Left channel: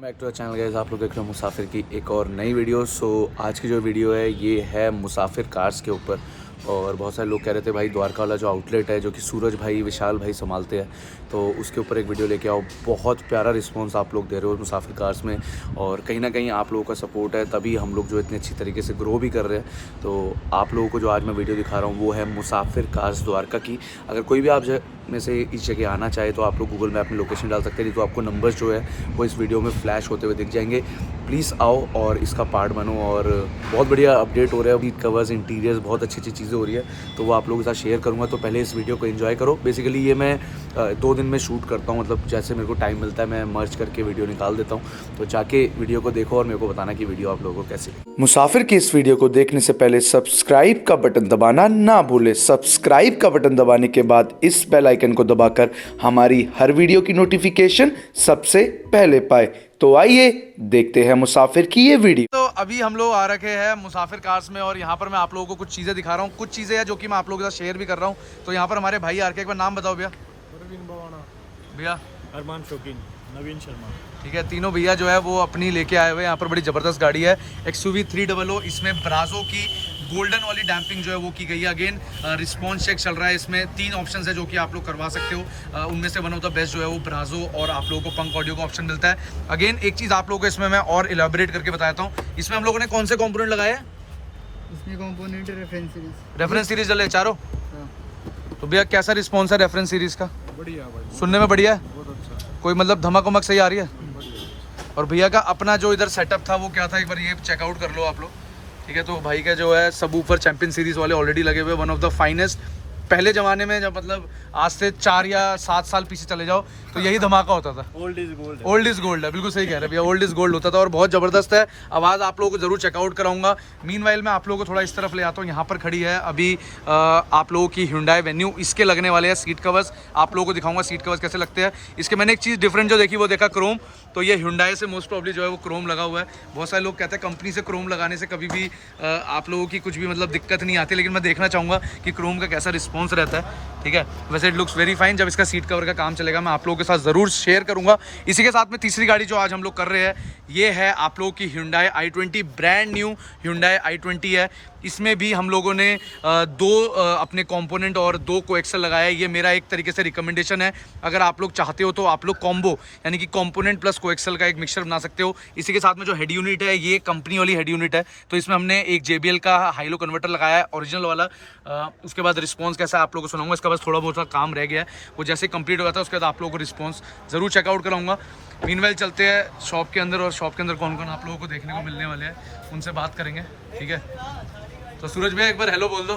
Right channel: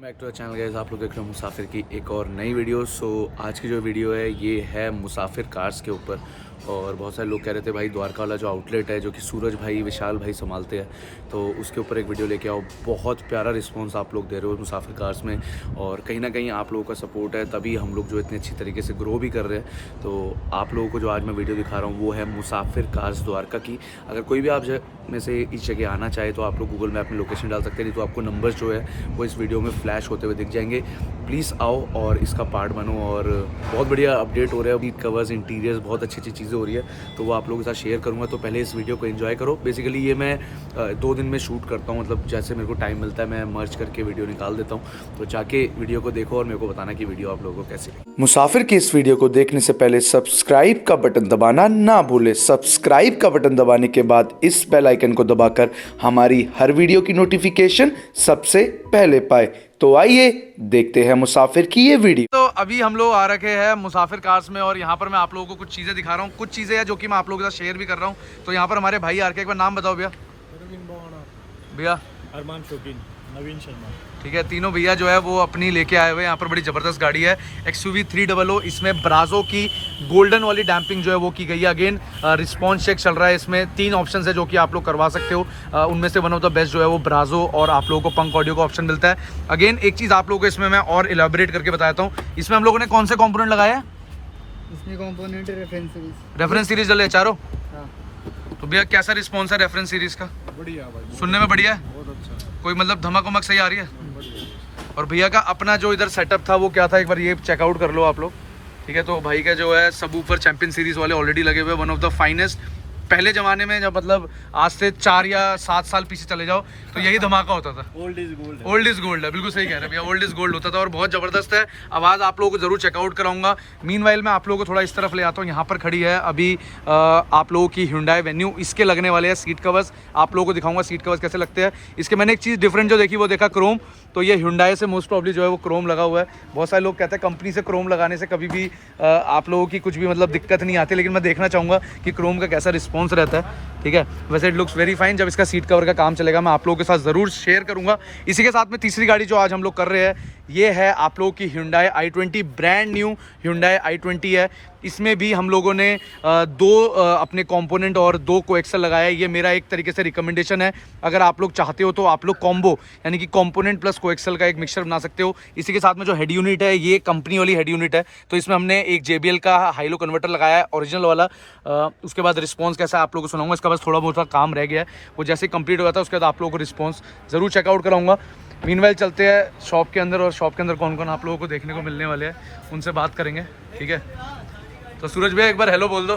Welcome back to the channel guys. आप लोग देख रहे हो मुसाफिर की एक और नई वीडियो। आज की जो वीडियो है ये है मुसाफिर कार्स के ऊपर। और बहुत सारे लोग कह रहे थे भाई द्वारका वाला जो आउटलेट है जो कि सूरज भाई विशाल भाई संभालते हैं, तो उसके ऊपर एक वीडियो लेके आओ। बहुत प्यारा रिस्पांस आप लोग दे रहे हो मुसाफिर कार्स में, और कहीं ना कहीं आप लोगों का सपोर्ट है तभी हम लोग जो इतनी अच्छी तरीके से ग्रो भी कर रहे हैं। तो आप लोगों को जो आज मैं वीडियो दिखा रहा हूँ वो है मुसाफिर कार्स द्वारका की। अगर कोई भी आप में से इस जगह आना चाहे तो आप लोग गूगल मैप में लोकेशन डाल सकते हैं, नहीं तो आपको नंबर्स जो है वो इस वीडियो में फ्लैश होते हुए दिख जाएंगे। प्लीज़ आओ और इसका पार्ट बनो। और बहुत बढ़िया अपडेट हो रहा है, सीट कवर्स, इंटीरियर्स, बहुत अच्छी अच्छी चीज़ें हो रही है, तो वो आप लोगों के साथ शेयर करूँगा। तो पहले इस वीडियो को एंजॉय करो। बेसिकली ये मैं 2 दिन में शूट करता हूँ, मतलब जैसे मेरे को टाइम मिलता है मैं मर्ज करके वीडियो निकाल देता हूँ। तो जाके वीडियो को देखो और मेरे को बताना कि वीडियो आप लोगों को कैसी लगी। मुसाफिर की इस वीडियो को देखने से पहले सब्सक्राइब का बटन दबाना ना भूले। सब्सक्राइब का बटन दबाने के बाद इस बेल आइकन को दबाकर हमारी हर वीडियो की नोटिफिकेशन सबसे पहले पाए। तो आइए देखते हैं मुसाफिर की ये वीडियो। तो अभी हम लोग आ रखे हैं मुसाफिर कार्स में, और यहाँ पर मैं आप लोगों को कुछ चीज़ें दिखा रहा हूँ। कुछ चीज़ें हैं जो कि मैं आप लोगों के साथ शेयर भी कर रहा हूँ। तो यहाँ पर हमारे भाई आ रखे, एक बार नाम बताओ भैया। परवीन बवाना, भैया अरमान शौकीन, नवीन शर्मा। ठीक है, तीनों भैया जो है वो अपनी लेके आए हुए हैं। यहाँ पर बड़ी ज़बरदस्त गाड़ी है XUV 300। इसमें ब्राजो की गोल्डन वाली डैम्पिंग जो है वो की गई है। अगेन रिस्पॉन्स चेक चल रहा है। इसमें 3 ऑप्शन है जो कि आप लोग करवा सकते हो। उनमें से वन ऑफ द बेस्ट जो है वो ब्राजो, और आप लोगों को पंक ऑडियो का ऑप्शन मिलता है। अगेन एक चीज़ आप लोगों को इसमें मैं और इलाबोरेट करके बताता हूँ। इसमें हम लोगों ने कौन से कॉम्पोनेंट लगाए हैं? इसमें कंपोनेंट रेफरेंस सीरीज डले चारों। हाँ। तो भैया कैसा रिस्पॉन्स है रेफरेंस सीरीज का? बढ़िया भाई, सुनने में बढ़िया है? बहुत अच्छा, कोई मतलब धमक उमक सही आ रही है? बढ़िया। और भैया का अपना जो इधर सेटअप था वो क्या था, एक बार ये चेकआउट कर लो आप लोग। ठीक है, तो भाई का जो है सब ऊपर चैंपियन सीरीज वाले ऑलरेडी लगे हुए, वन ऑफ द फाइनेस्ट। पहले ज़माने में जब मतलब आज से 4 या 7 साल पीछे चले जाओ तो यही धमाका होता था। Old is gold. Old is gold है, बिल्कुल सही कह रहे हैं भैया, ओल्ड इज गोल्ड होता था और बहुत ज़बरदस्त है। आवाज़ आप लोगों को ज़रूर चेकआउट कराऊंगा। मीनवाइल मैं आप लोगों को थोड़ा इस तरफ ले आता हूँ। यहाँ पर खड़ी है अभी आप लोगों की Hyundai Venue। इसके लगने वाले हैं सीट कवर्स। आप लोगों को दिखाऊंगा सीट कवर्स कैसे लगते हैं। इसके मैंने एक चीज़ डिफरेंट जो देखी वो देखा क्रोम। तो ये Hyundai से मोस्ट प्रॉब्ली जो है वो क्रोम लगा हुआ है। बहुत सारे लोग कहते हैं कंपनी से क्रोम लगाने से कभी भी आप लोगों की कुछ भी मतलब दिक्कत नहीं आती, लेकिन मैं देखना चाहूँगा कि क्रोम का कैसा रिस्पॉन्स रहता है। ठीक है, वैसे इट लुक्स वेरी फाइन। जब इसका सीट कवर का काम चलेगा मैं आप लोगों के साथ ज़रूर शेयर करूंगा। इसी के साथ में तीसरी गाड़ी जो आज हम लोग कर रहे हैं ये है आप लोगों की Hyundai i20। Brand new Hyundai i20 है। इसमें भी हम लोगों ने 2 अपने कंपोनेंट और 2 कोएक्सल लगाया है। ये मेरा एक तरीके से रिकमेंडेशन है। अगर आप लोग चाहते हो तो आप लोग कॉम्बो यानी कि कंपोनेंट प्लस कोएक्सल का एक मिक्सचर बना सकते हो। इसी के साथ में जो हेड यूनिट है ये कंपनी वाली हेड यूनिट है। तो इसमें हमने एक JBL का हाईलो कन्वर्टर लगाया है ओरिजिनल वाला। उसके बाद रिस्पॉन्स कैसा है आप लोगों को सुनाऊंगा। इसका बस थोड़ा बहुत काम रह गया है, वो जैसे कंप्लीट हो जाता है उसके बाद आप लोगों को रिस्पॉन्स ज़रूर चेकआउट कराऊंगा। मीनवाइल चलते हैं शॉप के अंदर, और शॉप के अंदर कौन कौन आप लोगों को देखने को मिलने वाले हैं उनसे बात करेंगे। ठीक है, तो सूरज भैया एक बार हेलो बोल दो।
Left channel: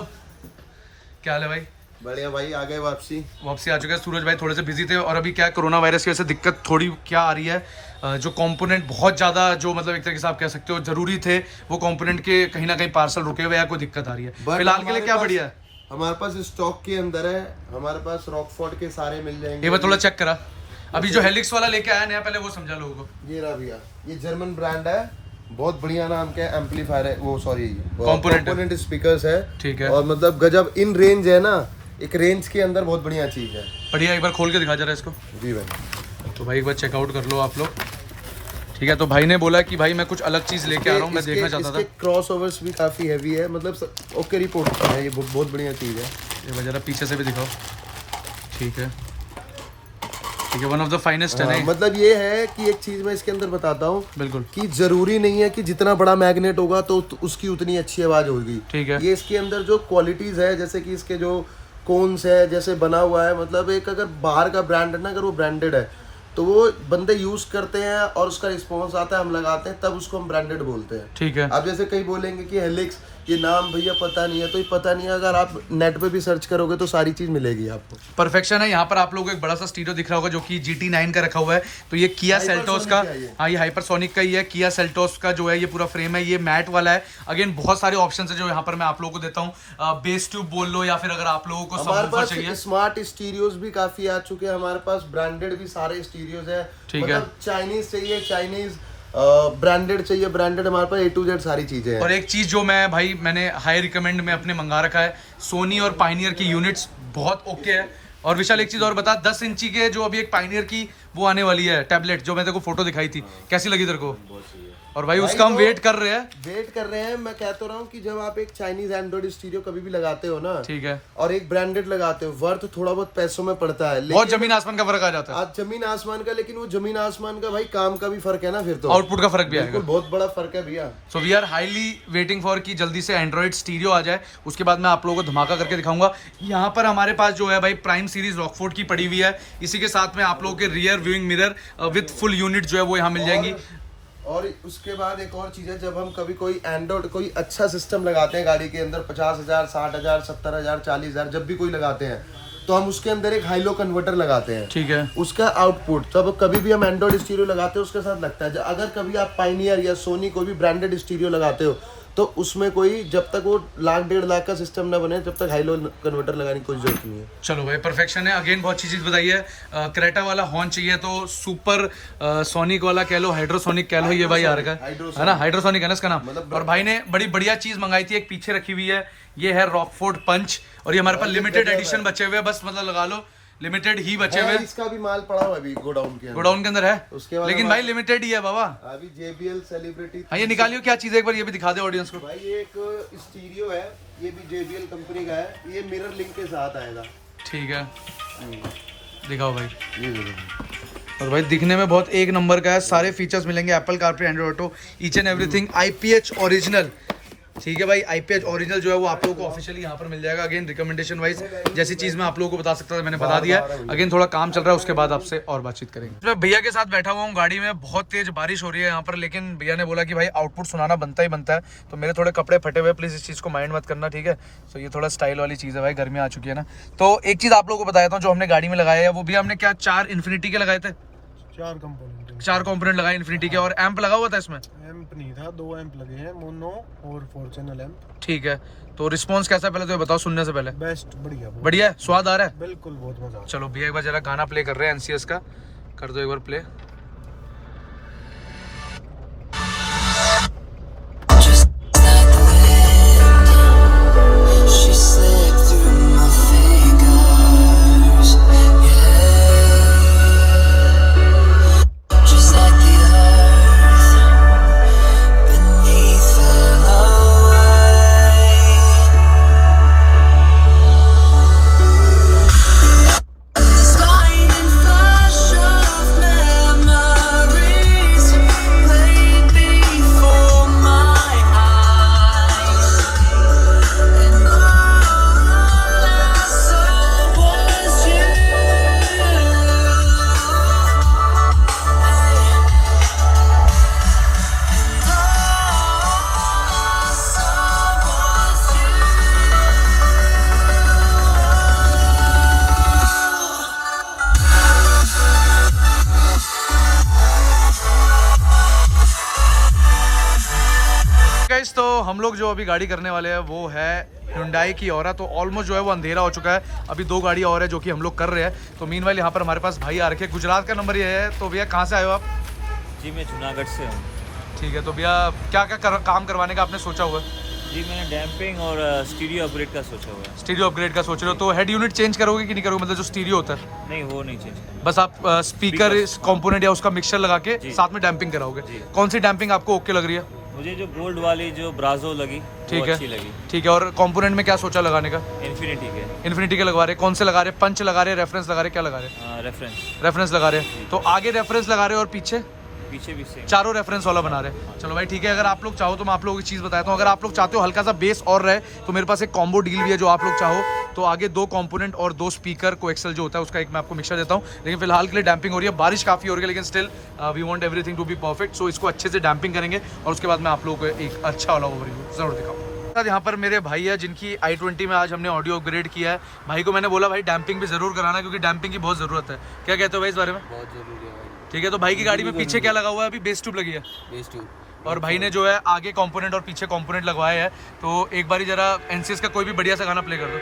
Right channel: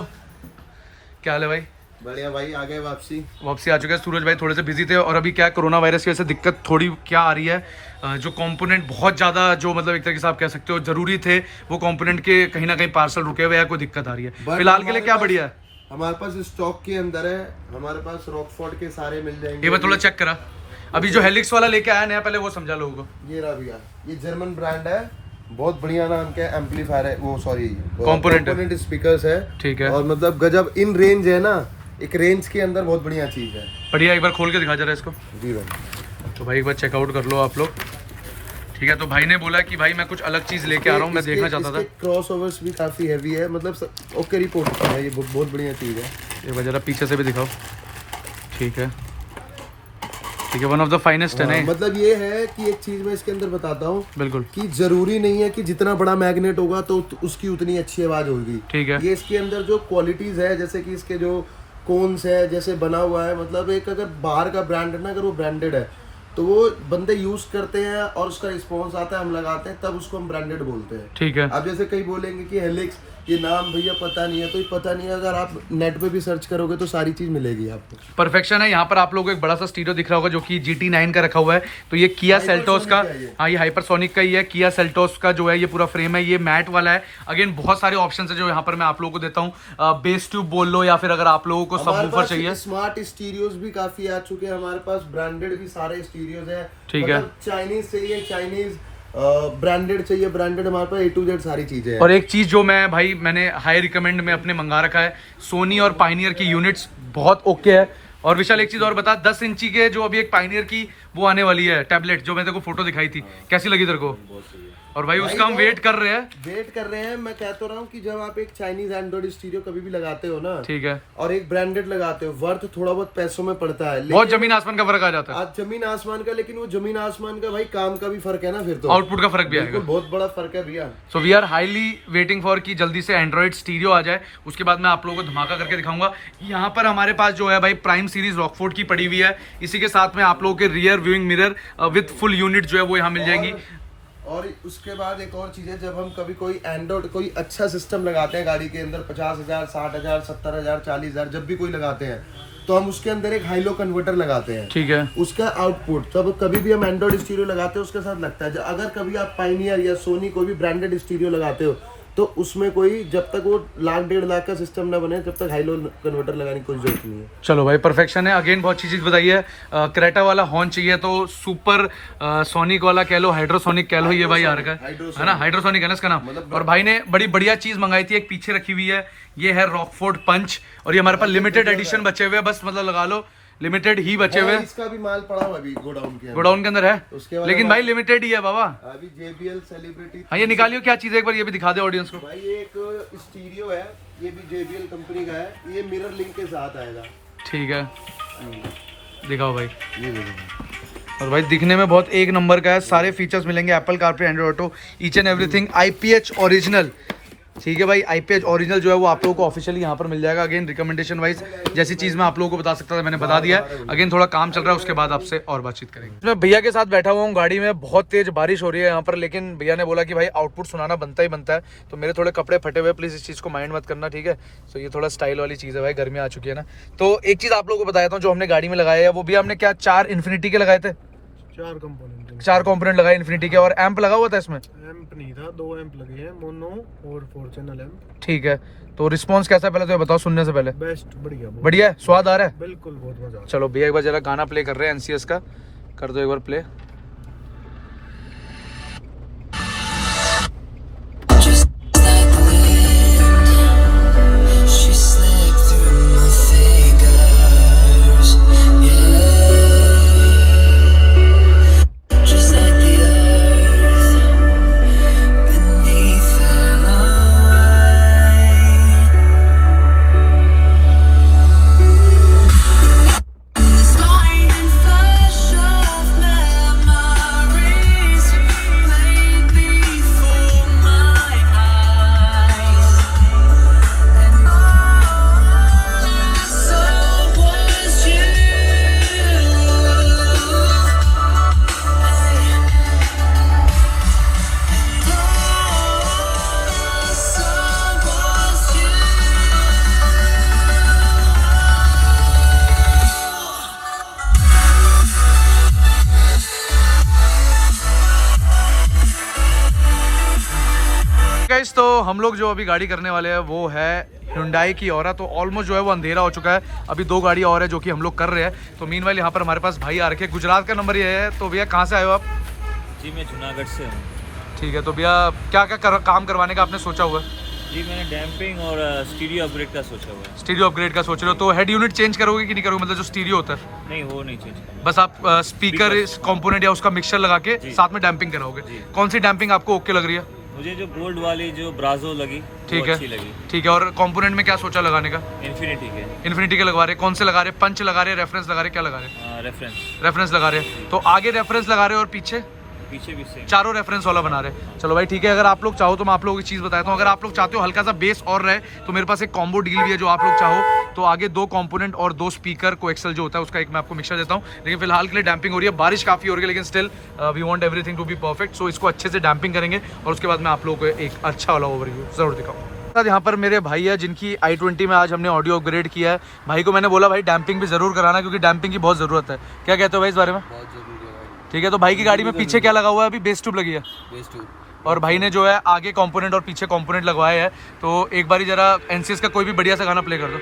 क्या हाल है भाई? बढ़िया भाई, आ गए वापसी आ चुके हैं। सूरज भाई थोड़े से बिजी थे, और अभी क्या कोरोना वायरस की वजह से दिक्कत थोड़ी क्या आ रही है, जो कंपोनेंट बहुत ज़्यादा जो मतलब एक तरीके से आप कह सकते हो ज़रूरी थे वो कंपोनेंट के कहीं ना कहीं पार्सल रुके हुए हैं, कोई दिक्कत आ रही है। फिलहाल के लिए क्या बढ़िया है, हमारे पास स्टॉक के अंदर है। हमारे पास रॉकफोर्ड के सारे मिल जाएंगे। ये मैं थोड़ा चेक करा। अभी जो हेलिक्स वाला लेके आया नया, पहले वो समझा लोगों को। ये रहा भैया, ये जर्मन ब्रांड है, बहुत बढ़िया नाम के एम्पलीफायर है, वो सॉरी कंपोनेंट स्पीकर्स है। ठीक है, और मतलब गजब इन रेंज है ना, एक रेंज के अंदर बहुत बढ़िया चीज है। बढ़िया, एक बार खोल के दिखा जरा इसको। जी भाई, तो भाई एक बार चेकआउट कर लो आप लोग। ठीक है, तो भाई ने बोला कि भाई मैं कुछ अलग चीज़ लेके आ रहा हूँ, मैं देखना चाहता था। क्रॉस ओवर्स भी काफी हैवी है, मतलब ओके रिपोर्ट है, ये बहुत बढ़िया चीज है। ये जरा पीछे से भी दिखाओ। ठीक है, ठीक है, वन ऑफ द फाइनेस्ट है ना। मतलब ये है कि एक चीज मैं इसके अंदर बताता हूँ बिल्कुल, कि जरूरी नहीं है कि जितना बड़ा मैग्नेट होगा तो उसकी उतनी अच्छी आवाज होगी। ठीक है, ये इसके अंदर जो क्वालिटीज है, जैसे कि इसके जो कोन्स है जैसे बना हुआ है, मतलब एक अगर बाहर का ब्रांड है ना, अगर वो ब्रांडेड है तो वो बंदे यूज करते हैं और उसका रिस्पॉन्स आता है, हम लगाते हैं, तब उसको हम ब्रांडेड बोलते हैं। ठीक है। अब जैसे कहीं बोलेंगे कि हेलिक्स, ये नाम भैया पता नहीं है, तो ये पता नहीं है, अगर आप नेट पे भी सर्च करोगे तो सारी चीज मिलेगी आपको। परफेक्शन है। यहाँ पर आप लोगों को एक बड़ा सा स्टीरियो दिख रहा होगा जो कि GT9 का रखा हुआ है। तो ये किया सेल्टोस का, हाँ ये हाइपरसोनिक का ही है। किया सेल्टोस का जो है ये पूरा फ्रेम है, ये मैट वाला है। अगेन बहुत सारे ऑप्शन है जो यहाँ पर मैं आप लोगों को देता हूँ। बेस ट्यूब बोल लो, या फिर अगर आप लोगों को सबवूफर चाहिए। स्मार्ट स्टीरियोज भी काफी आ चुके हैं हमारे पास, ब्रांडेड भी सारे स्टीरियोज है। ठीक है, चाइनीज चाहिए चाइनीज, ब्रांडेड चाहिए ब्रांडेड, हमारे पास A to Z सारी चीजें हैं। और एक चीज़ जो मैंने हाई रिकमेंड में अपने मंगा रखा है, सोनी और पाइनियर की यूनिट्स बहुत ओके है। और विशाल एक चीज़ और बता, 10 इंची के जो अभी एक पाइनियर की वो आने वाली है टैबलेट, जो मैं तेरे को फोटो दिखाई थी, कैसी लगी तेरे को? और भाई उसका हम वेट कर रहे हैं। मैं कह तो रहा हूँ कि जब आप एक चाइनीज एंड्रॉइड स्टीरियो कभी भी लगाते हो ना, ठीक है, और एक ब्रांडेड लगाते हो, वर्थ थोड़ा बहुत पैसों में पड़ता है, बहुत जमीन आसमान का फर्क आ जाता है। आज जमीन आसमान का, लेकिन वो जमीन आसमान का भाई काम का भी फर्क है ना, फिर तो आउटपुट का फर्क भी आएगा, बहुत बड़ा फर्क है भैया। So we are highly waiting for कि जल्दी से एंड्रॉइड स्टीरियो आ जाए, उसके बाद मैं आप लोगों को धमाका करके दिखाऊंगा। यहाँ पर हमारे पास जो है भाई प्राइम सीरीज रॉकफोर्ड की पड़ी हुई है, इसी के साथ में आप लोगों के rear viewing mirror with full unit जो है वो यहाँ मिल जाएंगी। और उसके बाद एक और चीज़ है, जब हम कभी कोई एंड्रॉइड कोई अच्छा सिस्टम लगाते हैं गाड़ी के अंदर, 50,000, 60,000, 70,000, 40,000 जब भी कोई लगाते हैं, तो हम उसके अंदर एक हाईलो कन्वर्टर लगाते हैं, ठीक है। उसका आउटपुट तब कभी भी हम एंड्रॉइड स्टीरियो लगाते हैं उसके साथ लगता है। अगर कभी आप पायनियर या सोनी कोई भी ब्रांडेड स्टीरियो लगाते हो, तो उसमें कोई जब तक वो 1,00,000 1,50,000 लाख का सिस्टम ना बने, जब तक हाईलो कन्वर्टर लगाने की कोई जरूरत नहीं है। चलो भाई परफेक्शन है। अगेन बहुत अच्छी चीज बताई है। क्रेटा वाला हॉर्न चाहिए तो सुपर सोनिक वाला कह लो, हाइड्रोसोनिक कह लो, ये भाई आ रहा है ना, हाइड्रोसोनिक है ना इसका नाम। और भाई ने बड़ी बढ़िया चीज मंगाई थी, एक पीछे रखी हुई है, ये है रॉकफोर्ड पंच, और ये हमारे पास लिमिटेड एडिशन बचे हुए हैं, बस मतलब लगा लो लिमिटेड ही बचे हुए। इसका भी माल पड़ा हुआ अभी गोडाउन के अंदर है, उसके बाद लेकिन भाई लिमिटेड ही है बाबा। अभी JBL सेलिब्रिटी। हाँ ये निकालियो क्या चीज है, एक बार ये भी दिखा दे ऑडियंस को। भाई ये एक स्टीरियो है, ये भी JBL कंपनी का है, ये मिरर लिंक के साथ आएगा, ठीक है, दिखाओ भाई। ये देखो, और भाई दिखने में बहुत एक नंबर का है, सारे फीचर्स मिलेंगे, Apple CarPlay, Android auto, each and everything IPH original, ठीक है भाई। IPH ओरिजिनल जो है वो आप लोगों को ऑफिशियली यहाँ पर मिल जाएगा। अगेन रिकमेंडेशन वाइज जैसी चीज मैं आप लोगों को बता सकता था मैंने बता दिया है। अगेन थोड़ा काम चल रहा है, उसके बाद आपसे और बातचीत करेंगे। मैं भैया के साथ बैठा हुआ हूँ गाड़ी में, बहुत तेज बारिश हो रही है यहाँ पर, लेकिन भैया ने बोला कि भाई आउटपुट सुनाना बनता ही बनता है, तो मेरे थोड़े कपड़े फटे हुए, प्लीज इस चीज को माइंड मत करना, ठीक है। तो ये थोड़ा स्टाइल वाली चीज है भाई, गर्मी आ चुकी है ना। तो एक चीज आप लोगों को बताया था, जो हमने गाड़ी में लगाया है वो भी हमने क्या 4 इन्फिनिटी के लगाए थे, 4 कंपोनेंट लगाए इन्फिनिटी के, और एम्प लगा हुआ था इसमें? एम्प नहीं था, 2 एम्प लगे हैं, मोनो और 4 चैनल एम्प। ठीक है, तो रिस्पांस कैसा है पहले तो बताओ, सुनने से पहले। बेस्ट, बढ़िया, बढ़िया है, स्वाद आ रहा है बिल्कुल, बहुत मजा आ रहा है। चलो भैया एक बार जरा गाना प्ले कर रहे हैं NCS का, कर दो एक बार प्ले। गाइस तो हम लोग जो अभी गाड़ी करने वाले हैं वो है Hyundai की Aura। तो ऑलमोस्ट जो है वो अंधेरा हो चुका है, अभी 2 गाड़ी और है जो कि हम लोग कर रहे हैं। तो मीनवाइल यहाँ पर हमारे पास भाई आ रखे, गुजरात का नंबर ये है। तो भैया कहाँ से आए हो आप? जी मैं जूनागढ़ से हूँ। ठीक है, तो भैया क्या क्या काम करवाने का आपने सोचा हुआ है? जी मैंने डैम्पिंग और स्टीरियो अपग्रेड का सोचा हुआ है। स्टीरियो अपग्रेड का सोच रहे हो, तो हेड यूनिट चेंज करोगे कि नहीं करोगे, मतलब जो स्टीरियो होता है? नहीं वो नहीं चेंज करना, बस आप स्पीकर कंपोनेंट या उसका मिक्सचर लगा के साथ में डैम्पिंग कराओगे। कौन सी डैम्पिंग आपको ओके लग रही है? मुझे जो गोल्ड वाली जो ब्राजो लगी ठीक वो है, अच्छी लगी। ठीक है। और कंपोनेंट में क्या सोचा लगाने का? इन्फिनिटी के लगवा रहे, कौन से लगा रहे? पंच लगा रहे, रेफरेंस लगा रहे, क्या लगा रहे? रेफरेंस लगा रहे। तो आगे रेफरेंस लगा रहे और पीछे भी सेम, चारों रेफरेंस वाला बना रहे। चलो भाई ठीक है, अगर आप लोग चाहो तो मैं आप लोगों की चीज़ बताता हूँ। अगर आप लोग चाहते हो हल्का सा बेस और रहे तो मेरे पास एक कॉम्बो डील भी है, जो आप लोग चाहो तो आगे 2 कंपोनेंट और 2 स्पीकर को एक्सेल जो होता है उसका एक मैं आपको मिक्सर देता हूँ। लेकिन फिलहाल के लिए डैम्पिंग हो रही है, बारिश काफ़ी हो रही है, लेकिन still we want everything to be perfect. So इसको अच्छे से डैम्पिंग करेंगे और उसके बाद मैं आप लोगों को एक अच्छा वाला ओवरव्यू जरूर दिखाऊँ। यहाँ पर मेरे भाई है जिनकी i20 में आज हमने ऑडियो अपग्रेड किया है। भाई को मैंने बोला भाई डैम्पिंग भी जरूर कराना, क्योंकि डैम्पिंग की बहुत ज़रूरत है। क्या कहते हो भाई इस बारे में? बहुत जरूरी है भाई। ठीक है, तो भाई की गाड़ी में पीछे क्या लगा हुआ है? अभी बेस ट्यूब लगी है, बेस ट्यूब, और भाई ने जो है आगे कंपोनेंट और पीछे कंपोनेंट लगवाए हैं। तो एक बारी जरा NCS का कोई भी बढ़िया सा गाना प्ले कर दो।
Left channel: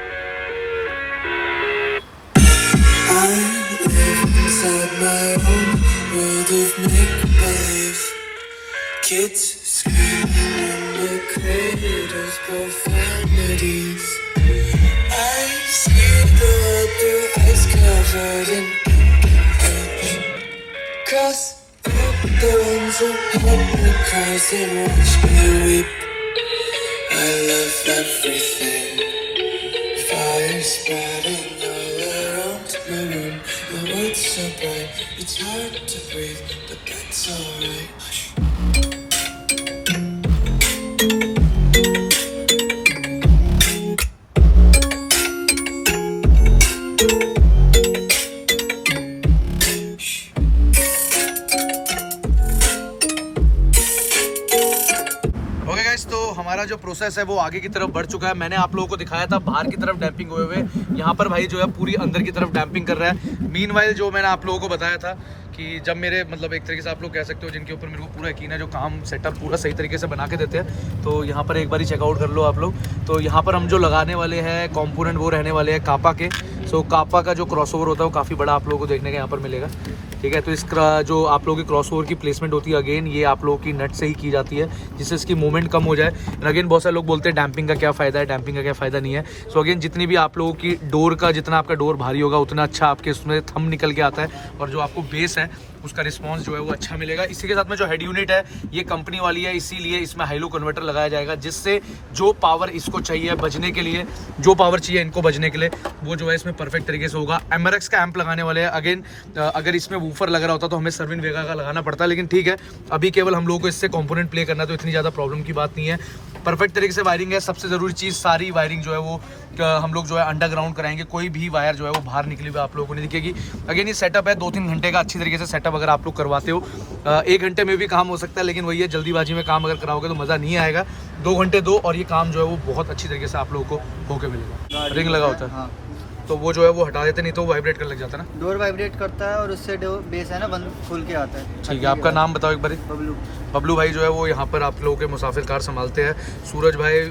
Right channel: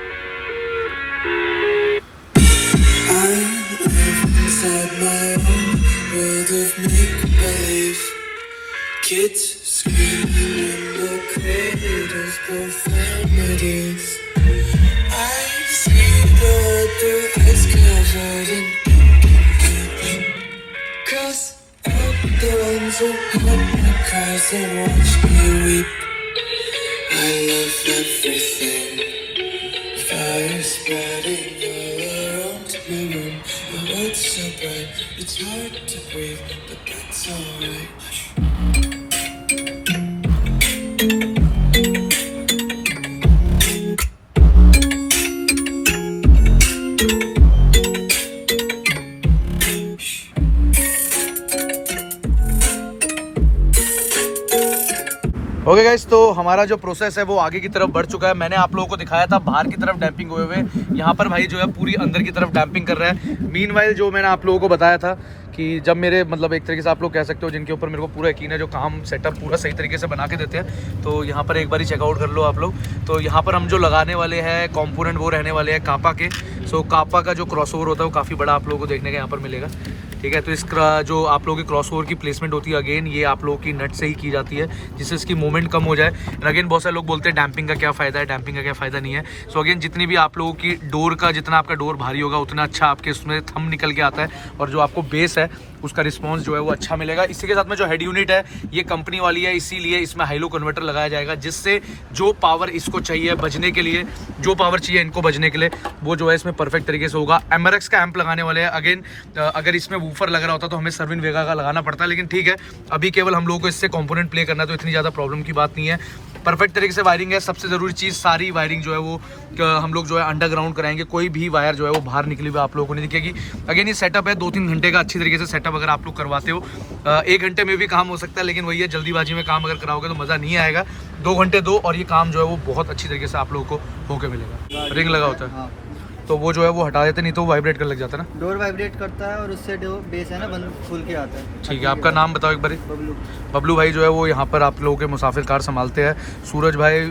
Cross out the ones who help me cause they watch me weep. I love everything. Fire spreading all around my room. My world's so bright, it's hard to breathe, but that's alright. Hush. Okay guys, तो हमारा जो process है वो आगे की तरफ बढ़ चुका है। मैंने आप लोगों को दिखाया था बाहर की तरफ डैम्पिंग हुए हुए, यहाँ पर भाई जो है पूरी अंदर की तरफ डैम्पिंग कर रहा है। मीनवाइल जो मैंने आप लोगों को बताया था कि जब मेरे मतलब एक तरीके से आप लोग कह सकते हो जिनके ऊपर मेरे को पूरा यकीन है, जो काम सेटअप पूरा सही तरीके से बना के देते हैं, तो यहाँ पर एक बार ही चेकआउट कर लो आप लोग। तो यहाँ पर हम जो लगाने वाले हैं कंपोनेंट वो रहने वाले हैं कापा के। सो कापा का जो क्रॉसओवर होता है वो काफ़ी बड़ा आप लोगों को देखने का यहाँ पर मिलेगा। ठीक है, तो इसका जो आप लोगों की क्रॉसओवर की प्लेसमेंट होती है अगेन ये आप लोगों की नट से ही की जाती है, जिससे इसकी मूवमेंट कम हो जाए। एंड अगेन बहुत सारे लोग बोलते हैं डैम्पिंग का क्या फ़ायदा है, डैम्पिंग का क्या फ़ायदा नहीं है। सो अगेन जितनी भी आप लोगों की डोर का, जितना आपका डोर भारी होगा उतना अच्छा आपके उसमें थंब निकल के आता है, और जो आपको बेस है उसका रिस्पॉन्स जो है वो अच्छा मिलेगा। इसी के साथ में जो हेड यूनिट है ये कंपनी वाली है, इसीलिए इसमें हाइलो कन्वर्टर लगाया जाएगा, जिससे जो पावर इसको चाहिए बजने के लिए, जो पावर चाहिए इनको बजने के लिए, वो जो है इसमें परफेक्ट तरीके से होगा। एमआरएक्स का एम्प लगाने वाले हैं। अगेन अगर इसमें वूफर लग रहा होता तो हमें सर्विन वेगा का लगाना पड़ता, लेकिन ठीक है अभी केवल हम लोगों को इससे कंपोनेंट प्ले करना है, तो इतनी ज़्यादा प्रॉब्लम की बात नहीं है। परफेक्ट तरीके से वायरिंग है। सबसे ज़रूरी चीज़ सारी वायरिंग जो है वो हम लोग जो है अंडरग्राउंड कराएंगे, कोई भी वायर जो है वो बाहर निकली हुई आप लोगों को नहीं दिखेगी। अगेन ये सेटअप है 2-3 घंटे का, अच्छी तरीके से सेटअप अगर आप लोग करवाते हो 1 घंटे में भी काम हो सकता है, लेकिन वही है जल्दीबाजी में काम अगर कराओगे तो मज़ा नहीं आएगा। 2 घंटे दो और ये काम जो है वो बहुत अच्छी तरीके से आप लोगों को होके मिलेगा। रिंग लगा होता है, हाँ, तो वो जो है वो हटा देते, नहीं तो वाइब्रेट करने लग जाता है ना। डोर वाइब्रेट करता है और उससे बेस है ना बंद खुल के आता है। ठीक है, आपका नाम बताओ एक बार। बबलू। बबलू भाई जो है वो यहाँ पर आप लोगों के मुसाफिर कार संभालते हैं। सूरज भाई,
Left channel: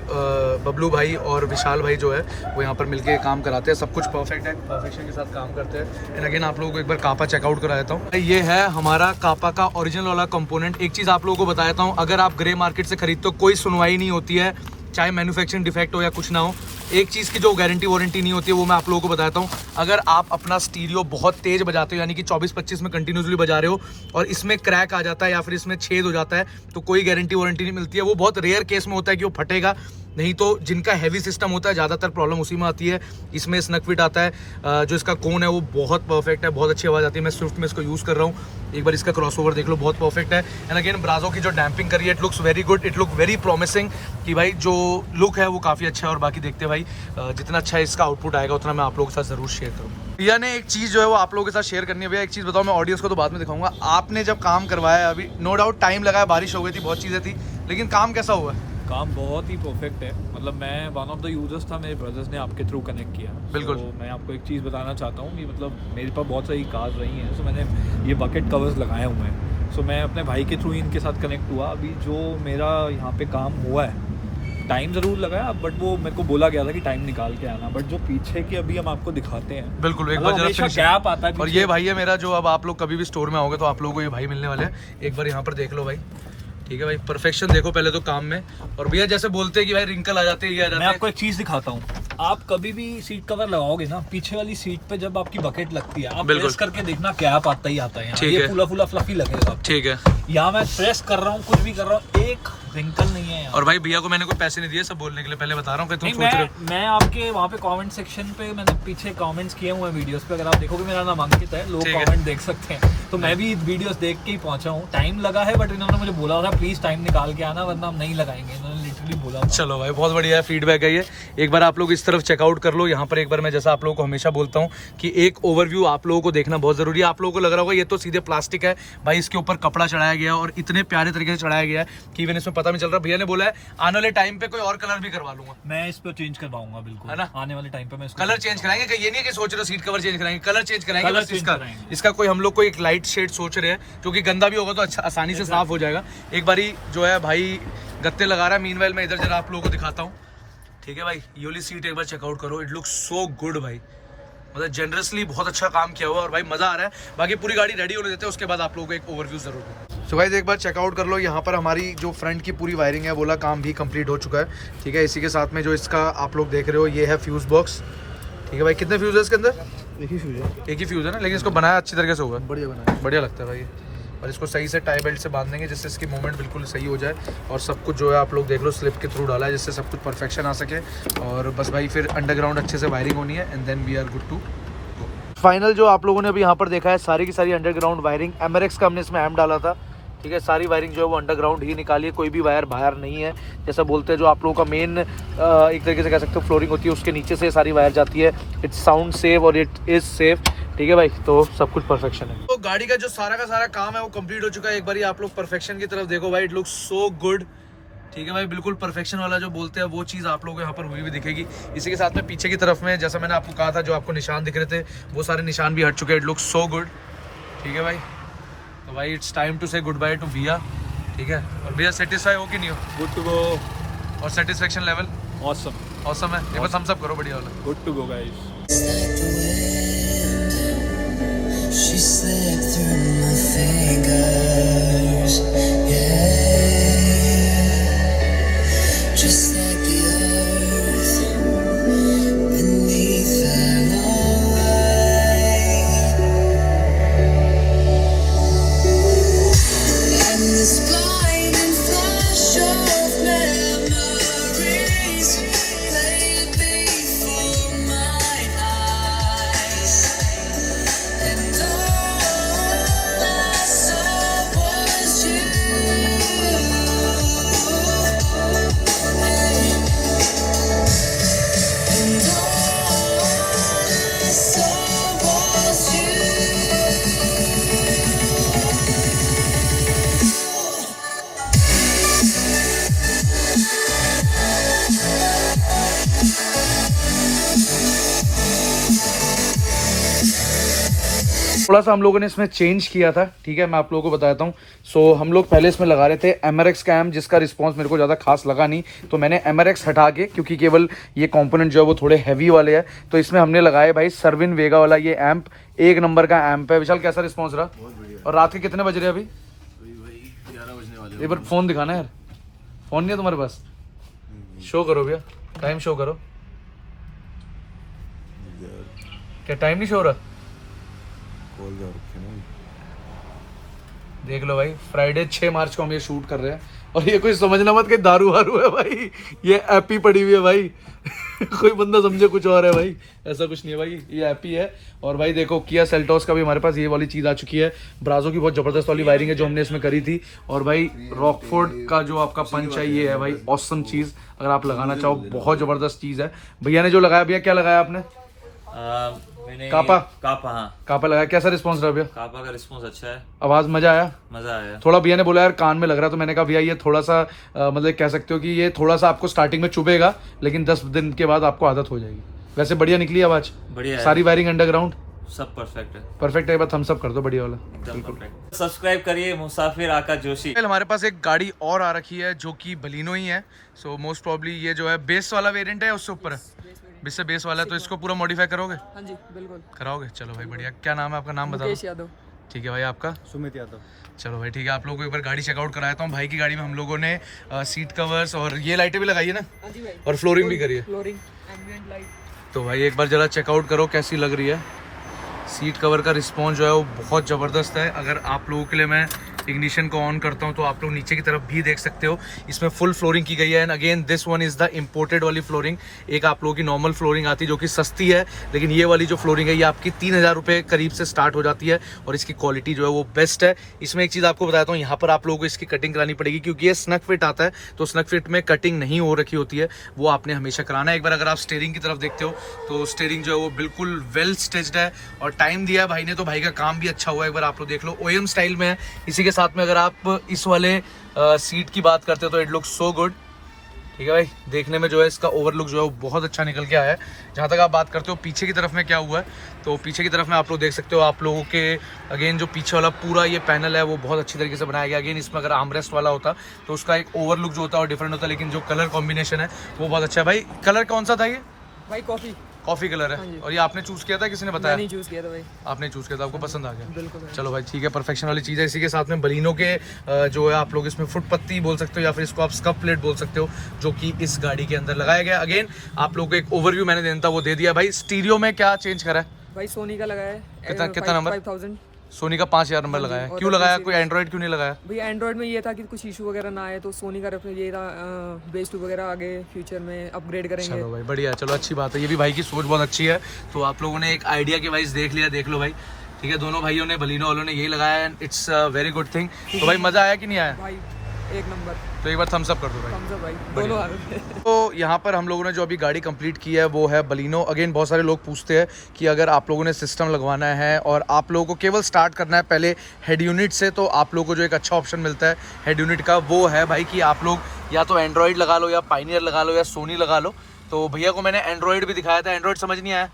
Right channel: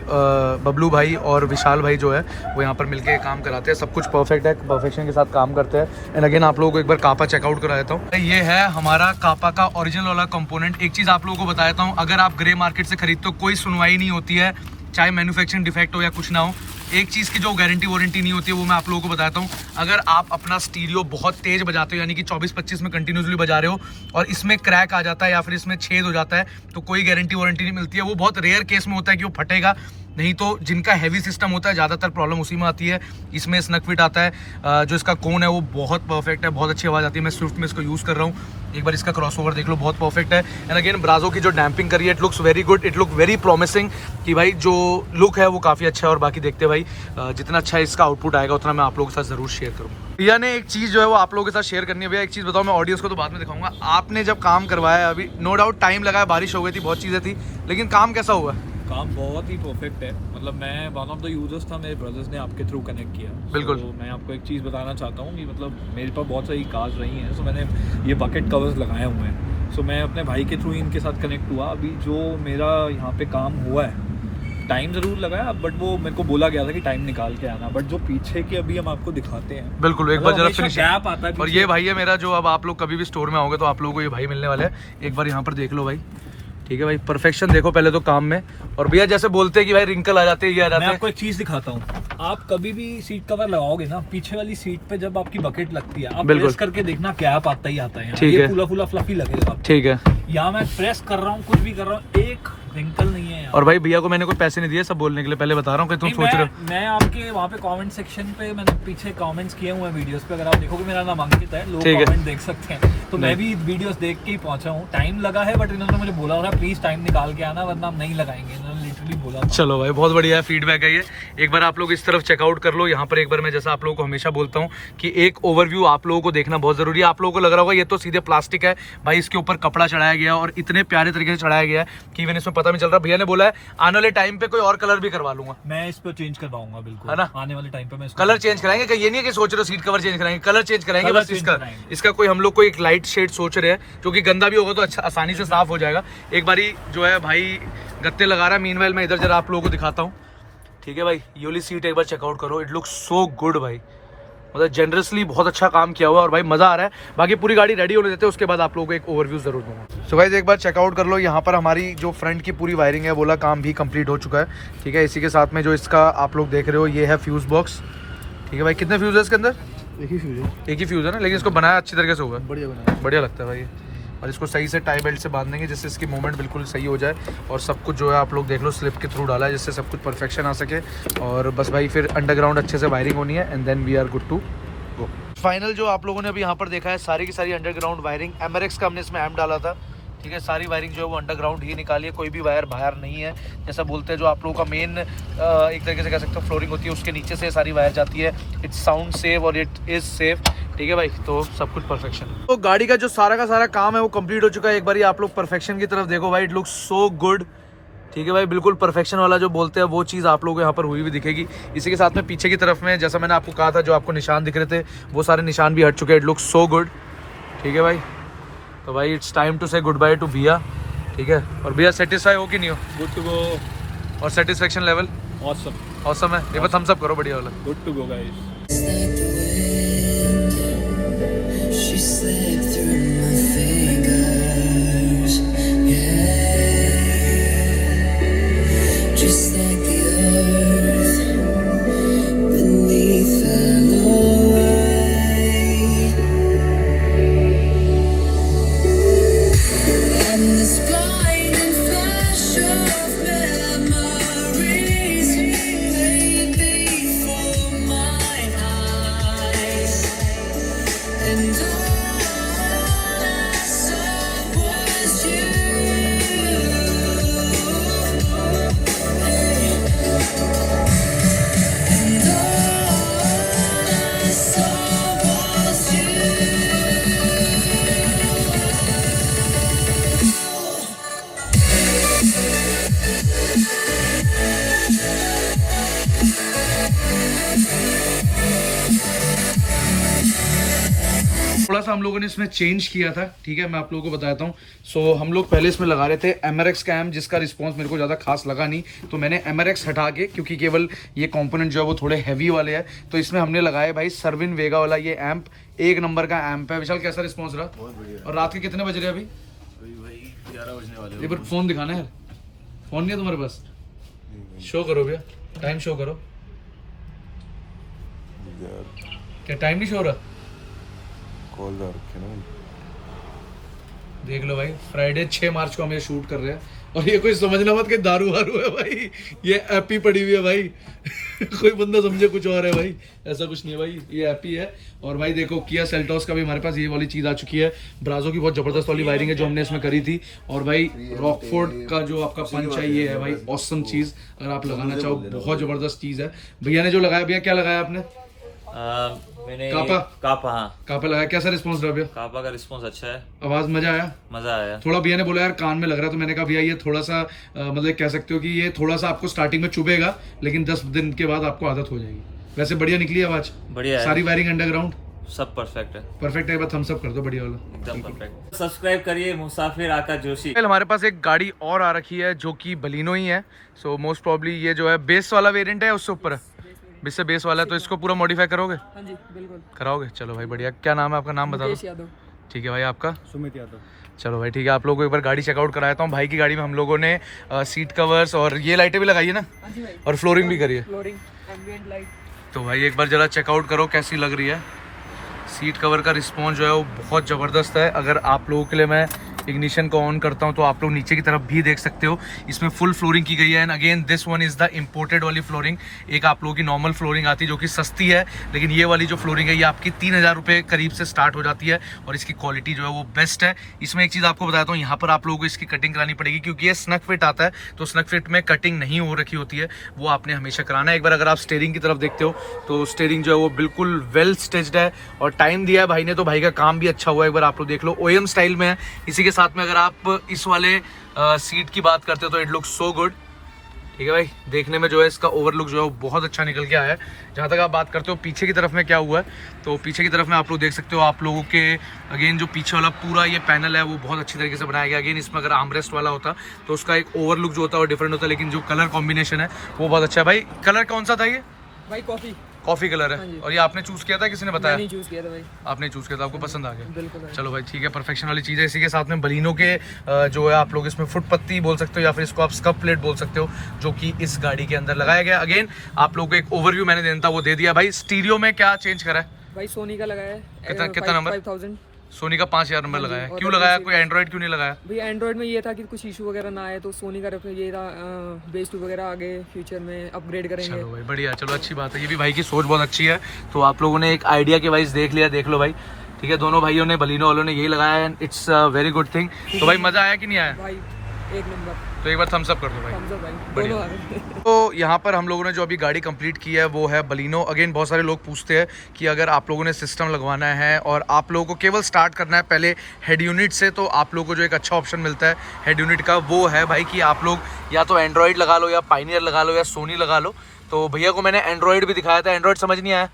बबलू भाई और विशाल भाई जो है वो यहाँ पर मिलके काम कराते हैं। सब कुछ परफेक्ट है, परफेक्शन के साथ काम करते हैं। एंड अगेन आप लोगों को एक बार कापा चेकआउट करा देता हूँ। ये है हमारा कापा का ओरिजिनल वाला कंपोनेंट। एक चीज़ आप लोगों को बता देता हूँ, अगर आप ग्रे मार्केट से खरीदते हो कोई सुनवाई नहीं होती है, चाहे मैन्युफैक्चरिंग डिफेक्ट हो या कुछ ना हो। एक चीज़ की जो गारंटी वारंटी नहीं होती है वो मैं आप लोगों को बताता हूँ। अगर आप अपना स्टीरियो बहुत तेज़ बजाते हो, यानी कि 24-25 में कंटिन्यूसली बजा रहे हो और इसमें क्रैक आ जाता है या फिर इसमें छेद हो जाता है, तो कोई गारंटी वारंटी नहीं मिलती है। वो बहुत रेयर केस में होता है कि वो फटेगा, नहीं तो जिनका हैवी सिस्टम होता है ज़्यादातर प्रॉब्लम उसी में आती है। इसमें स्नक फिट आता है, जो इसका कोन है वो बहुत परफेक्ट है, बहुत अच्छी आवाज़ आती है। मैं स्विफ्ट में इसको यूज़ कर रहा हूँ, एक बार इसका क्रॉसओवर देख लो, बहुत परफेक्ट है। एंड अगेन ब्राजो की जो डैम्पिंग करी है, it looks very good, it look very promising, कि भाई जो लुक है वो काफ़ी अच्छा है। और बाकी देखते भाई जितना अच्छा इसका आउटपुट आएगा उतना मैं आप लोगों के साथ ज़रूर शेयर करूँगा। भैया ने एक चीज़ जो है वो आप लोगों के साथ शेयर करनी है। भैया एक चीज़ बताओ, मैं ऑडियंस को तो बाद में दिखाऊंगा, आपने जब काम करवाया है अभी, नो डाउट टाइम लगा है, बारिश हो गई थी, बहुत चीज़ें थी, लेकिन काम कैसा हुआ है? काम बहुत ही परफेक्ट है। मतलब मैं वन ऑफ द यूजर्स था, मेरे ब्रदर्स ने आपके थ्रू कनेक्ट किया। बिल्कुल। तो मैं आपको एक चीज़ बताना चाहता हूँ कि मतलब मेरे पास बहुत सारी कार्स रही हैं, सो मैंने ये बकेट कवर्स लगाए हुए हैं। सो मैं अपने भाई के थ्रू इनके साथ कनेक्ट हुआ। अभी जो मेरा यहाँ पे काम हुआ है, टाइम ज़रूर लगाया, बट वो मेरे को बोला गया था कि टाइम निकाल के आना। बट जो पीछे की अभी हम आपको दिखाते हैं, बिल्कुल एक बार जरा फिनिश गैप आता है। और ये भाई है मेरा, जो अब आप लोग कभी भी स्टोर में आओगे तो आप लोगों को ये भाई मिलने वाले हैं। एक बार यहाँ पर देख लो भाई, ठीक है भाई, परफेक्शन देखो पहले तो काम में। और भैया जैसे बोलते हैं कि भाई रिंकल आ जाते हैं, ये आ जाते हैं। मैं आपको एक चीज़ दिखाता हूँ, आप कभी भी सीट कवर लगाओगे ना, पीछे वाली सीट पे जब आपकी बकेट लगती है, आप प्रेस करके देखना गैप आता ही आता है। ये फुला फ्लफी लगेगा। ठीक है, यहाँ मैं प्रेस कर रहा हूँ, कुछ भी कर रहा हूँ, एक रिंकल नहीं है यहाँ। और भाई भैया को मैंने कोई पैसे नहीं दिए, सब बोलने के लिए, पहले बता रहा हूँ कि तुम सोच रहे हो। मैं आपके वहाँ पे कमेंट सेक्शन पे मैंने पीछे कमेंट्स किए हुए हैं वीडियोस पे, अगर आप देखोगे मेरा नाम अंकित है, लोग कमेंट देख सकते हैं। तो मैं भी वीडियोस देख के ही पहुंचा हूँ। टाइम लगा है, बट इन्होंने मुझे बोला था प्लीज टाइम निकाल के आना, वरना हम नहीं लगाएंगे, इन्होंने लिटरली बोला था। चलो भाई बहुत बढ़िया है, फीडबैक है ये। एक बार आप लोग इस तरफ चेकआउट कर लो। यहाँ पर एक बार मैं जैसा आप लोगों को हमेशा बोलता हूँ कि एक ओवरव्यू आप लोगों को देखना बहुत जरूरी है। आप लोगों को लग रहा होगा ये तो सीधे प्लास्टिक है, भाई इसके ऊपर कपड़ा चढ़ाया गया और इतने प्यारे तरीके से चढ़ाया गया है कि इवन इसमें पता नहीं चल रहा। भैया ने बोला है आने वाले टाइम पे कोई और कलर भी करवा लूंगा, मैं इस पे चेंज करवाऊंगा, बिल्कुल है ना। आने वाले टाइम पे मैं कलर चेंज कराएंगे, कि ये नहीं है कि सोच रहे हो सीट कवर चेंज कराएंगे, कलर चेंज कराएंगे। बस इसका कोई हम लोग को एक लाइट शेड सोच रहे हैं, जो कि गंदा भी होगा तो अच्छा आसानी से साफ हो जाएगा। एक बारी जो है भाई गत्ते लगा रहा है, मीनवाइल मैं इधर जरा आप लोगों को दिखाता हूँ। ठीक है भाई, ये वाली सीट एक बार चेकआउट करो, इट लुक्स सो गुड भाई, मतलब जनरसली बहुत अच्छा काम किया हुआ है और भाई मज़ा आ रहा है। बाकी पूरी गाड़ी रेडी होने देते हैं, उसके बाद आप लोगों को एक ओवरव्यू जरूर दूंगा। सो गाइस एक बार चेकआउट कर लो, यहाँ पर हमारी जो फ्रंट की पूरी वायरिंग है बोला काम भी कंप्लीट हो चुका है। ठीक है, इसी के साथ में जो इसका आप लोग देख रहे हो ये है फ्यूज़ बॉक्स। ठीक है भाई, कितने फ्यूज़ है इसके अंदर? एक ही फ्यूज है, एक ही फ्यूज़ है ना, लेकिन इसको बनाया अच्छी तरीके से होगा, बढ़िया बनाया, बढ़िया लगता है भाई। और इसको सही से टाई बेल्ट से बांध देंगे जिससे इसकी मूवमेंट बिल्कुल सही हो जाए। और सब कुछ जो है आप लोग देख लो स्लिप के थ्रू डाला है जिससे सब कुछ परफेक्शन आ सके। और बस भाई फिर अंडरग्राउंड अच्छे से वायरिंग होनी है and then we are good to go. Final जो आप लोगों ने अभी यहाँ पर देखा है सारी की सारी अंडरग्राउंड वायरिंग एमरेक्स का हमने इसमें एम डाला था, ठीक है। सारी वायरिंग जो है वो अंडरग्राउंड ही निकाली है, कोई भी वायर बाहर नहीं है। जैसा बोलते हैं जो आप लोगों का मेन एक तरीके से कह सकते हो फ्लोरिंग होती है उसके नीचे से सारी वायर जाती है। इट्स साउंड सेफ और इट इज़ सेफ, ठीक है भाई। तो सब कुछ परफेक्शन है। तो गाड़ी का जो सारा का सारा काम है वो कंप्लीट हो चुका है। एक बार आप लोग परफेक्शन की तरफ देखो भाई, इट लुक्स सो गुड, ठीक है भाई। बिल्कुल परफेक्शन वाला जो बोलते हैं वो चीज़ आप लोगों को यहाँ पर हुई हुई दिखेगी। इसी के साथ में पीछे की तरफ में जैसा मैंने आपको कहा था जो आपको निशान दिख रहे थे वो सारे निशान भी हट चुके हैं। इट लुक्स सो गुड, ठीक है भाई। तो भाई इट्स टाइम टू से गुड बाय टू भैया, ठीक है। और भैया सेटिस्फाई हो कि नहीं हो? Good to go. और सेटिस्फेक्शन लेवल ऑसम ऑसम है। ये बस थम्स अप करो बढ़िया वाला। Good to go guys. She slipped through my fingers, yeah. Just like the earth beneath her eye, and this blinding flash of memories played before my eyes, and all I saw was you. And all I saw was you. थोड़ा सा हम लोगों ने इसमें change किया था, ठीक है। मैं आप लोगों को बताता हूँ। सो हम लोग पहले इसमें लगा रहे थे एमआरएक्स का एम, जिसका रिस्पांस मेरे को ज़्यादा खास लगा नहीं, तो मैंने एमआरएक्स हटा के, क्योंकि केवल ये कंपोनेंट जो है वो थोड़े हैवी वाले हैं, तो इसमें हमने लगाया भाई सर्विन वेगा वाला ये एम्प। एक नंबर का एम्प है। विशाल कैसा रिस्पॉन्स रहा? बहुत बढ़िया। और रात के कितने बज रहे हैं अभी? भाई 11 बजने वाले। एक बार फ़ोन दिखाना यार, फ़ोन नहीं है तुम्हारे पास? शो करो भैया, टाइम शो करो। क्या टाइम नहीं शो हो रहा? देख लो भाई, फ्राइडे 6 मार्च को हम ये शूट कर रहे हैं और ये कोई समझना मत कि दारू वारू है भाई, ये ऐप ही पड़ी हुई है भाई। कोई बंदा समझे कुछ और है भाई, ऐसा कुछ नहीं है भाई, ये ऐप ही है। और भाई देखो किया सेल्टोस का भी हमारे पास ये वाली चीज़ आ चुकी है। ब्राजो की बहुत ज़बरदस्त वाली वायरिंग है जो हमने इसमें करी थी। और भाई रॉकफोर्ड का जो आपका पंच है ये है भाई ऑसम चीज़, अगर आप लगाना चाहो बहुत ज़बरदस्त चीज़ है। भैया ने जो लगाया, भैया क्या लगाया आपने? मैंने कापा हाँ कापा लगाया। कैसा रिस्पॉन्स रहा भैया? कापा का रिस्पांस अच्छा है। आवाज़ मज़ा आया? मज़ा आया। थोड़ा भैया ने बोला यार कान में लग रहा है, तो मैंने कहा भैया ये थोड़ा सा मतलब कह सकते हो कि ये थोड़ा सा आपको स्टार्टिंग में चुभेगा लेकिन 10 दिन के बाद आपको आदत हो जाएगी। वैसे बढ़िया निकली आवाज़, बढ़िया है। सारी वायरिंग अंडरग्राउंड सब परफेक्ट है। परफेक्ट है। बस थम्स अप कर दो बढ़िया वाला, एकदम परफेक्ट। सब्सक्राइब करिए मुसाफिर आकाश जोशी। हमारे पास एक गाड़ी और आ रखी है जो कि बलिनो ही है। सो मोस्ट प्रॉब्ली ये जो है बेस वाला वेरिएंट है, उससे ऊपर इससे बेस वाला है, तो इसको पूरा मॉडिफाई करोगे? हाँ जी बिल्कुल कराओगे। चलो भाई बढ़िया। क्या नाम है आपका? नाम बता दो। यादव। ठीक है भाई, आपका? सुमित यादव। चलो भाई ठीक है, आप लोगों को एक बार गाड़ी चेकआउट कराता हूँ। भाई की गाड़ी में हम लोगों ने सीट कवर्स और ये लाइटें भी लगाई है ना, और फ्लोरिंग भी करी है। Ambient light. तो भाई एक बार ज़रा चेकआउट करो कैसी लग रही है। सीट कवर का रिस्पॉन्स जो है वो बहुत ज़बरदस्त है। अगर आप लोगों के लिए मैं इग्निशन को ऑन करता हूं तो आप लोग नीचे की तरफ भी देख सकते हो, इसमें फुल फ्लोरिंग की गई है। And again this one is the imported वाली फ्लोरिंग। एक आप लोगों की नॉर्मल फ्लोरिंग आती है जो कि सस्ती है, लेकिन ये वाली जो फ्लोरिंग है ये आपकी 3000 रुपये करीब से स्टार्ट हो जाती है और इसकी क्वालिटी जो है वो बेस्ट है। इसमें एक चीज़ आपको बताता हूँ, यहाँ पर आप लोगों को इसकी कटिंग करानी पड़ेगी क्योंकि ये स्नग फिट आता है, तो स्नग फिट में कटिंग नहीं हो रखी होती है, वो आपने हमेशा कराना है। एक बार अगर आप स्टीयरिंग की तरफ देखते हो तो स्टीयरिंग जो है वो बिल्कुल वेल स्टिच्ड है और टाइम दिया है भाई ने, तो भाई का काम भी अच्छा हुआ है। एक बार आप लोग देख लो, ओएम स्टाइल में है। इसी के साथ में अगर आप इस वाले सीट की बात करते हो तो इट लुक्स सो गुड, ठीक है भाई। देखने में जो है इसका ओवरलुक जो है वो बहुत अच्छा निकल के आया है। जहाँ तक आप बात करते हो पीछे की तरफ में क्या हुआ है, तो पीछे की तरफ में आप लोग देख सकते हो, आप लोगों के अगेन जो पीछे वाला पूरा ये पैनल है वो बहुत अच्छी तरीके से बनाया गया। अगेन इसमें अगर आर्मरेस्ट वाला होता तो उसका एक ओवरलुक जो होता है वो डिफरेंट होता है, लेकिन जो कलर कॉम्बिनेशन है वो बहुत अच्छा है। भाई कलर कौन सा था ये? भाई कॉफी कलर है। और ये आपने चूज किया था, किसी ने बताया? मैंने चूज किया था भाई। आपने चूज किया था, आपको पसंद आ गया? बिल्कुल। चलो भाई ठीक है, परफेक्शन वाली चीज़ है। इसी के साथ में बलिनो के जो है आप लोग इसमें फुट पत्ती बोल सकते हो या फिर इसको आप स्कप प्लेट बोल सकते हो, जो कि इस गाड़ी के अंदर लगाया गया। अगेन आप लोग को एक ओवरव्यू मैंने देना था वो दे दिया। भाई स्टीरियो में क्या चेंज करा है? भाई सोनी का लगाया है। कितना नंबर? सोनी का 5000 नंबर हाँ जी, लगाया, और क्यों लगाया? कोई एंड्रॉइड क्यों नहीं लगाया? भैया एंड्रॉयड में ये था कि कुछ इशू वगैरह ना आए, तो सोनी का रेफरेंस ये था, बेस 2 वगैरह आगे फ्यूचर में अपग्रेड करेंगे। चलो भाई बढ़िया, चलो अच्छी बात है, ये भी भाई की सोच बहुत अच्छी है। तो आप लोगों ने एक आइडिया के वाइज देख लिया, देख लो भाई, ठीक है। दोनों भाइयों ने, बलिनो वालों ने यही लगाया है, इट्स वेरी गुड थिंग। तो भाई मज़ा आया कि नहीं आया? भाई एक नंबर, तो एक बार थम्स अप कर दो भाई। थम्स अप भाई, बढ़िया। दोनों आ गए। तो यहाँ पर हम लोगों ने जो अभी गाड़ी कंप्लीट की है वो है बलिनो। अगेन बहुत सारे लोग पूछते हैं कि अगर आप लोगों ने सिस्टम लगवाना है और आप लोगों को केवल स्टार्ट करना है पहले हेड यूनिट से, तो आप लोगों को जो एक अच्छा ऑप्शन मिलता है हेड यूनिट का, वो है भाई कि आप लोग या तो एंड्रॉयड लगा लो, या पाइनियर लगा लो, या सोनी लगा लो। तो भैया को मैंने एंड्रॉयड भी दिखाया था, एंड्रॉयड समझ नहीं आया?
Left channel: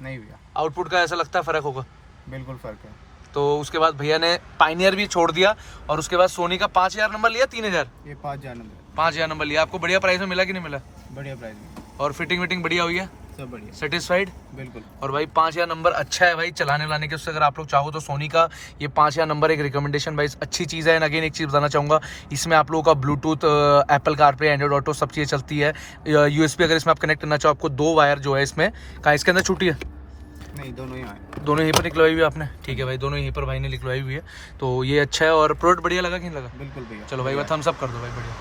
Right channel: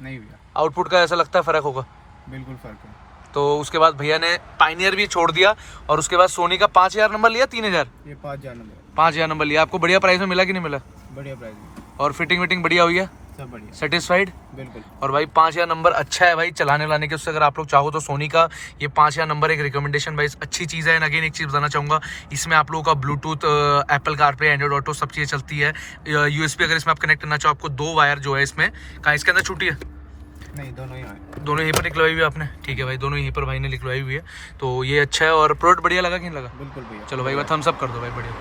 नहीं भैया, आउटपुट का ऐसा लगता है फ़र्क होगा। बिल्कुल फ़र्क है। तो उसके बाद भैया ने पाइनियर भी छोड़ दिया, और उसके बाद सोनी का 5000 नंबर लिया, 3000? ये 5000 नंबर, 5000 नंबर लिया। आपको बढ़िया प्राइस में मिला कि नहीं मिला? बढ़िया प्राइस में, और फिटिंग विटिंग बढ़िया हुई है, सब बढ़िया, सेटिस्फाइड? बिल्कुल। और भाई 5000 नंबर अच्छा है भाई चलाने लाने के, उससे अगर आप लोग चाहो तो सोनी का ये 5000 नंबर एक रिकमेंडेशन भाई अच्छी चीज़ है। एंड अगेन एक चीज़ बताना चाहूँगा, इसमें आप लोगों का Bluetooth, Apple CarPlay, Android auto सब चीज़ें चलती है। USB अगर इसमें आप कनेक्ट करना चाहो, आपको 2 वायर जो है इसमें, कहाँ इसके अंदर छूटी है? नहीं, दोनों ही आए, दोनों यहीं पर निकलवाई हुई है आपने, ठीक है भाई, दोनों यहीं पर भाई ने निकलवाई हुई है। तो ये अच्छा है। और प्रोडक्ट बढ़िया लगा कि नहीं लगा? बिल्कुल भैया। चलो भाई थम्स अप कर दो भाई, बढ़िया।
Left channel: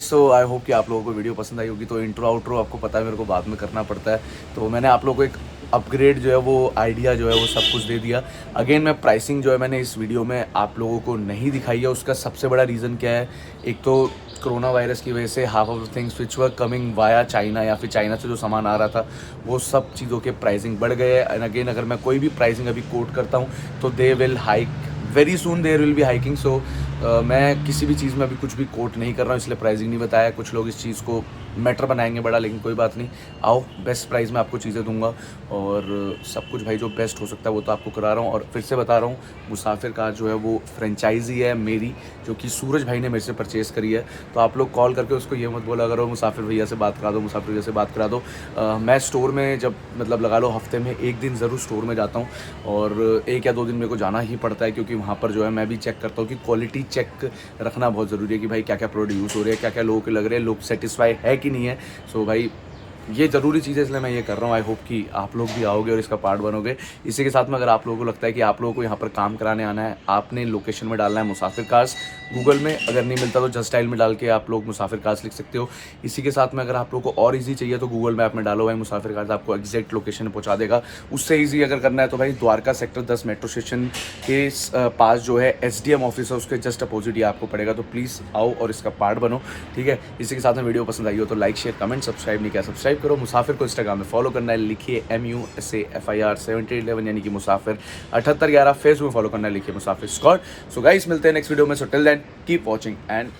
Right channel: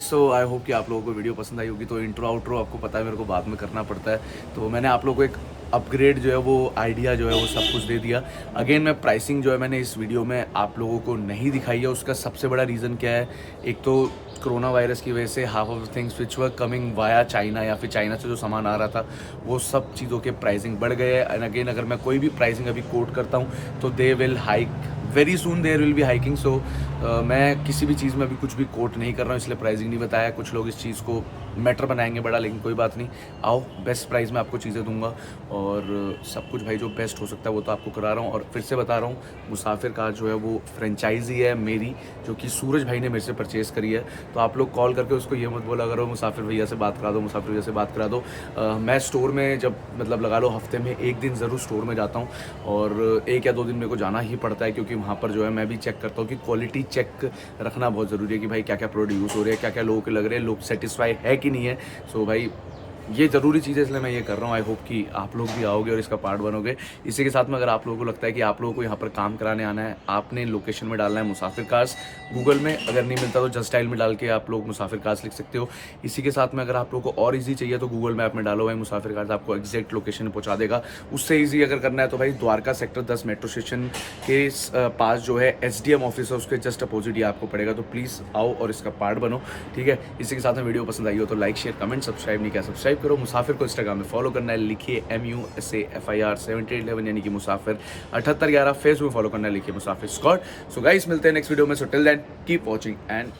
सो आई होप कि आप लोगों को वीडियो पसंद आई होगी। तो इंट्रो आउट्रो आपको पता है मेरे को बाद में करना पड़ता है, तो मैंने आप लोगों को एक अपग्रेड जो है वो आइडिया जो है वो सब कुछ दे दिया। अगेन मैं प्राइसिंग जो है मैंने इस वीडियो में आप लोगों को नहीं दिखाई है। उसका सबसे बड़ा रीज़न क्या है? एक तो कोरोना वायरस की वजह से half of the things which were coming via China, या फिर चाइना से जो सामान आ रहा था वो सब चीज़ों के प्राइसिंग बढ़ गए। एंड अगेन अगर मैं कोई भी प्राइसिंग अभी कोट करता हूँ तो they will hike very soon, there will be hiking. So मैं किसी भी चीज़ में अभी कुछ भी कोट नहीं कर रहा हूँ, इसलिए प्राइसिंग नहीं बताया। कुछ लोग इस चीज़ को मैटर बनाएंगे बड़ा, लेकिन कोई बात नहीं, आओ बेस्ट प्राइस में आपको चीज़ें दूंगा। और सब कुछ भाई जो बेस्ट हो सकता है वो तो आपको करा रहा हूँ। और फिर से बता रहा हूँ, मुसाफिर कार जो है वो फ्रेंचाइजी है मेरी, जो कि सूरज भाई ने मेरे से परचेज़ करी है। तो आप लोग कॉल करके उसको ये मत बोला करो मुसाफिर भैया से बात करा दो, मुसाफिर भैया से बात करा दो। मैं स्टोर में जब मतलब लगा लो हफ्ते में 1 दिन ज़रूर स्टोर में जाता हूँ, और 1 या 2 दिन मेरे को जाना ही पड़ता है, क्योंकि वहाँ पर जो है मैं भी चेक करता हूँ कि क्वालिटी चेक रखना बहुत ज़रूरी है कि भाई क्या क्या प्रोडक्ट यूज़ हो रहे हैं, क्या क्या लोगों के लग रहे हैं, लोग सेटिस्फाई है कि नहीं है। सो भाई ये ज़रूरी चीज़ है, इसलिए मैं ये कर रहा हूँ। आई होप कि आप लोग भी आओगे और इसका पार्ट बनोगे। इसी के साथ में अगर आप लोगों को लगता है कि आप लोगों को यहाँ पर काम कराने आना है, आपने लोकेशन में डालना है मुसाफिर कार्स गूगल में, अगर नहीं मिलता तो जस्ट डायल में डाल के आप लोग मुसाफिर कार्स लिख सकते हो। इसी के साथ में अगर आप लोगों को और इजी चाहिए तो गूगल मैप में डालो भाई मुसाफिर कार्स, आपको एग्जैक्ट लोकेशन पहुँचा देगा। उससे ईजी अगर करना है तो भाई द्वारका सेक्टर 10 मेट्रो स्टेशन के पास जो है SDM ऑफिस है, उसके जस्ट अपोजिट ही आपको पड़ेगा। तो प्लीज़ आओ और इसका पार्ट बनो, ठीक है। इसी के साथ में वीडियो पसंद आई हो तो लाइक शेयर कमेंट, सब्सक्राइब नहीं किया सब्सक्राइब करो। मुसाफिर को इंस्टाग्राम में फॉलो करना है, लिखिए MUSAFIR 7811 यानी कि मुसाफिर 7811। फेसबुक में फॉलो करना है, लिखिए मुसाफिर स्क्वाड। सो गाइस मिलते हैं नेक्स्ट वीडियो में। So till then keep watching and